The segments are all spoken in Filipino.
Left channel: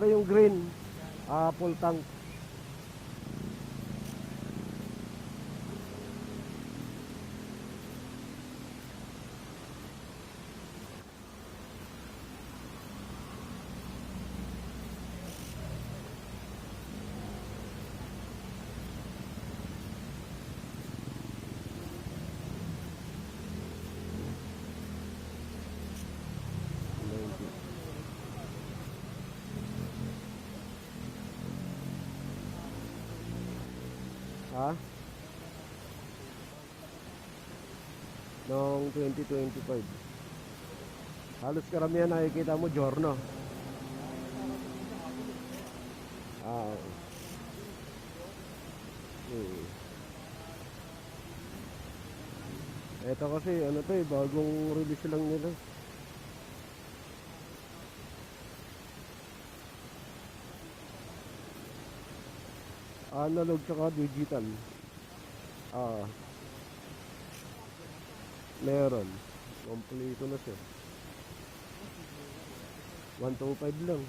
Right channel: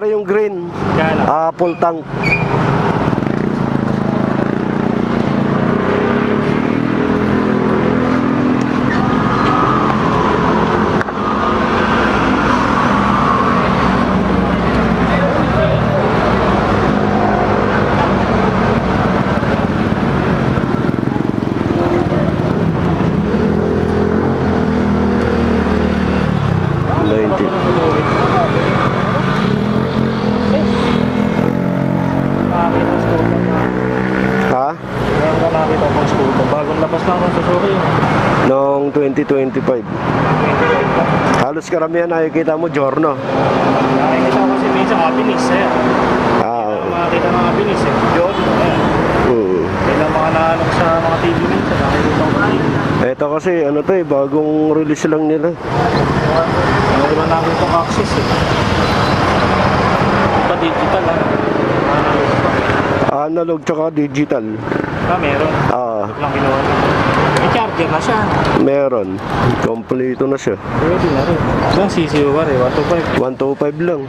Pare yung green, full tank. Ha? Meron ka nakita pang scooter. Bagong labas lang ng Suzuki. Noong 2025. Halos karamihan nakikita mo, Giorno. Nakikita ko kasi minsan Abilis eh. Makakita ng Abilis eh. Giorno eh. Kailang mga naanong sa mga TV minsan. Nakikita ko TV. Ito kasi ano to eh, bagong release lang nila. Ano ba namin itong access eh. Iba digital ah. Analog pa. Analog tsaka digital. Meron. Lang ginawa niya. May charger na siya. Meron. Kompleto na siya. Pwede na rin. Ilang CCU ba rin? 125? 125 lang.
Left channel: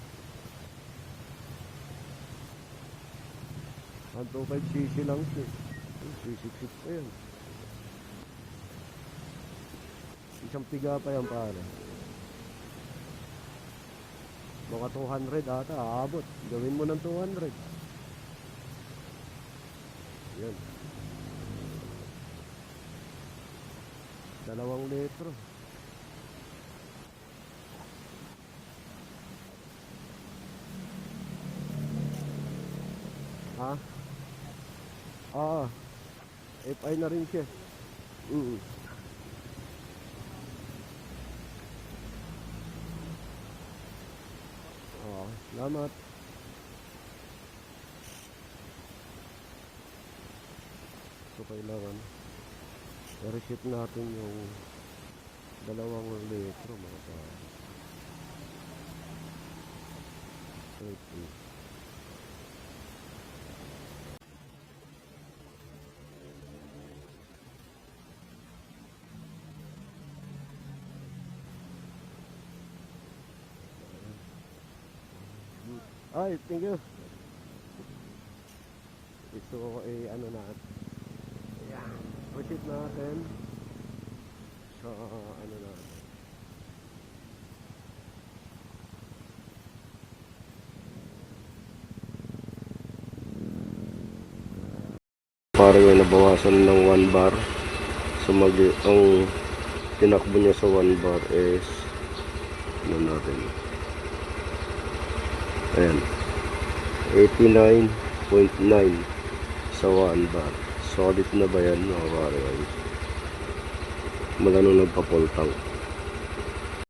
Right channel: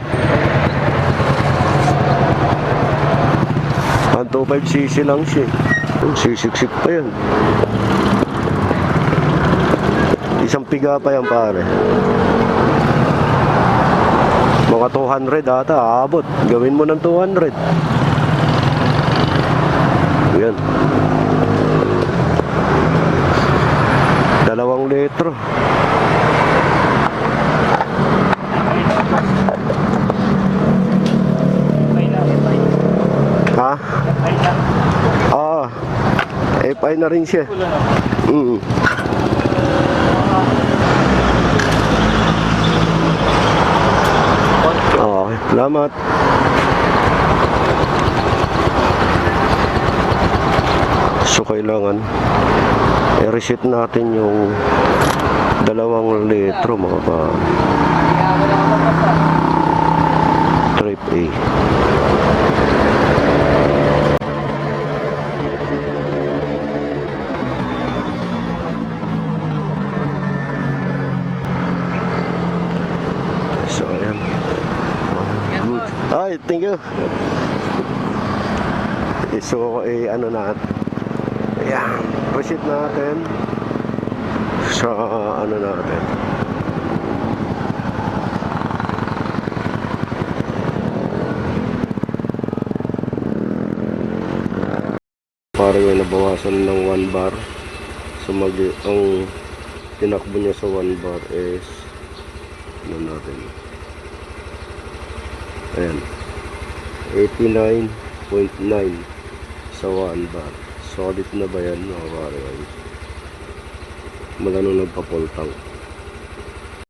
125cc lang siya. Sisiksik pa yan. Isang piga pa yan pare. Mga 200 ata, aabot. Gawin mo ng 200. Yan. 2 litro. Ha? FI na rin siya. Okay, salamat. So kailangan i-reset natin yung 2 litro mga pa trip A. So ayan. Good. Ay, thank you. So ano natin. Ayan, reset natin sa ano natin. Parang may nabawasan ng 1 bar. So ang tinakbo niya sa 1 bar is ano natin. Ayan. 89.9 sa 1 bar. Solid na ba yan mga pare? Mula nung nagpa-full tank.